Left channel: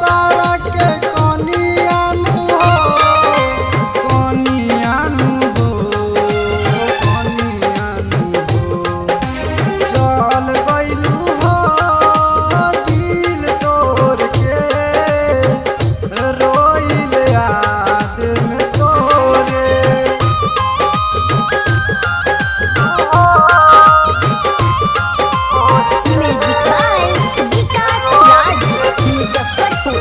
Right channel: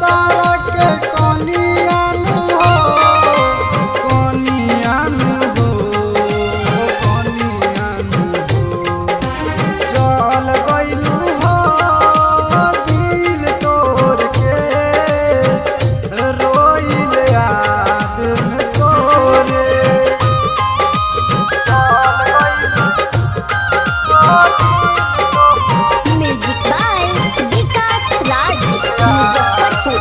सारा के कनियानु हो कनियानु हो कनियानु हो चल गइलू हो दिल तोड़ के रोइल याद में तोरे म्यूजिक बाय विकास राज मुजफ्फरपुर।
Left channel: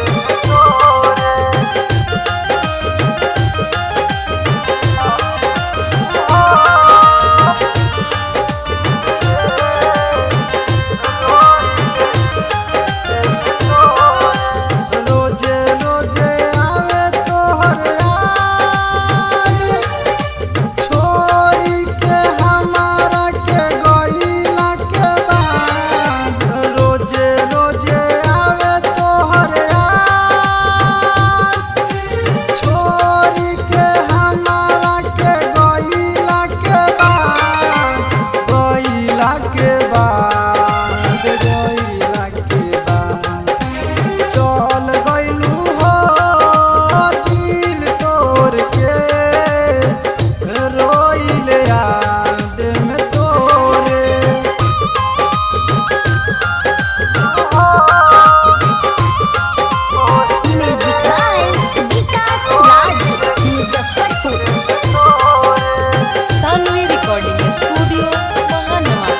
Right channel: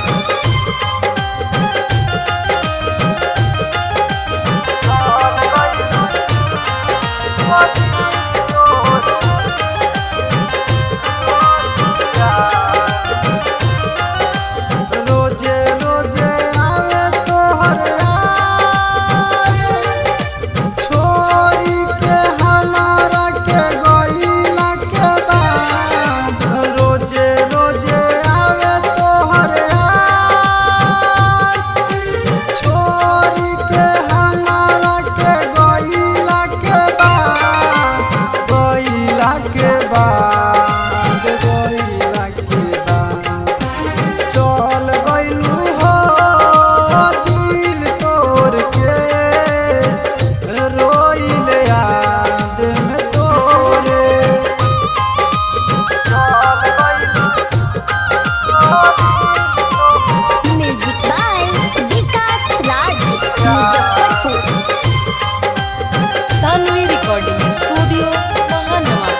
रोजे रोजे आवे तोहर याद छोरी के हमारा के गइला के बाद रोजे रोजे आवे तोहर याद छोरी के हमारा के गइला के बाद गइला के बाद गइला के बाद चल गइलू हो दिल तोड़ के रोइल याद में तोरे music by Vikas Raj Muzaffarpur. Saanvi recording studio Mahanwa.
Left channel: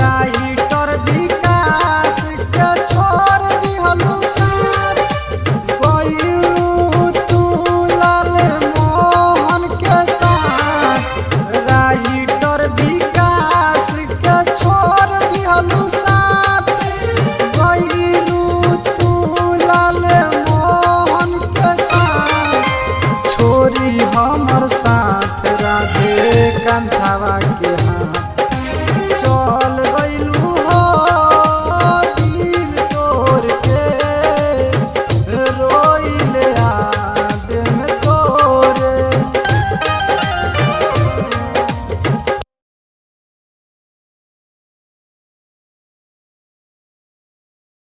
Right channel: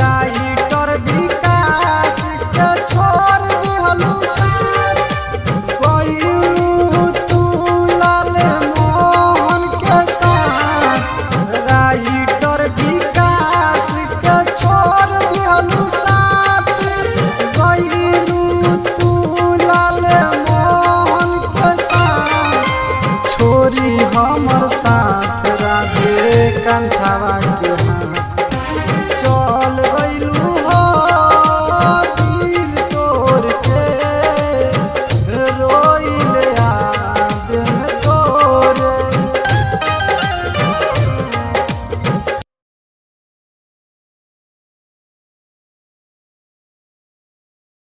Writer Vikas के छोड़ दिहलू साथ गइलू तू लाल मोहन के साथ राइटर विकास के छोड़ दिहलू साथ गइलू तू लाल मोहन के साथ छोरी हमर साथ राधे कंठवा के हाथ चल गइल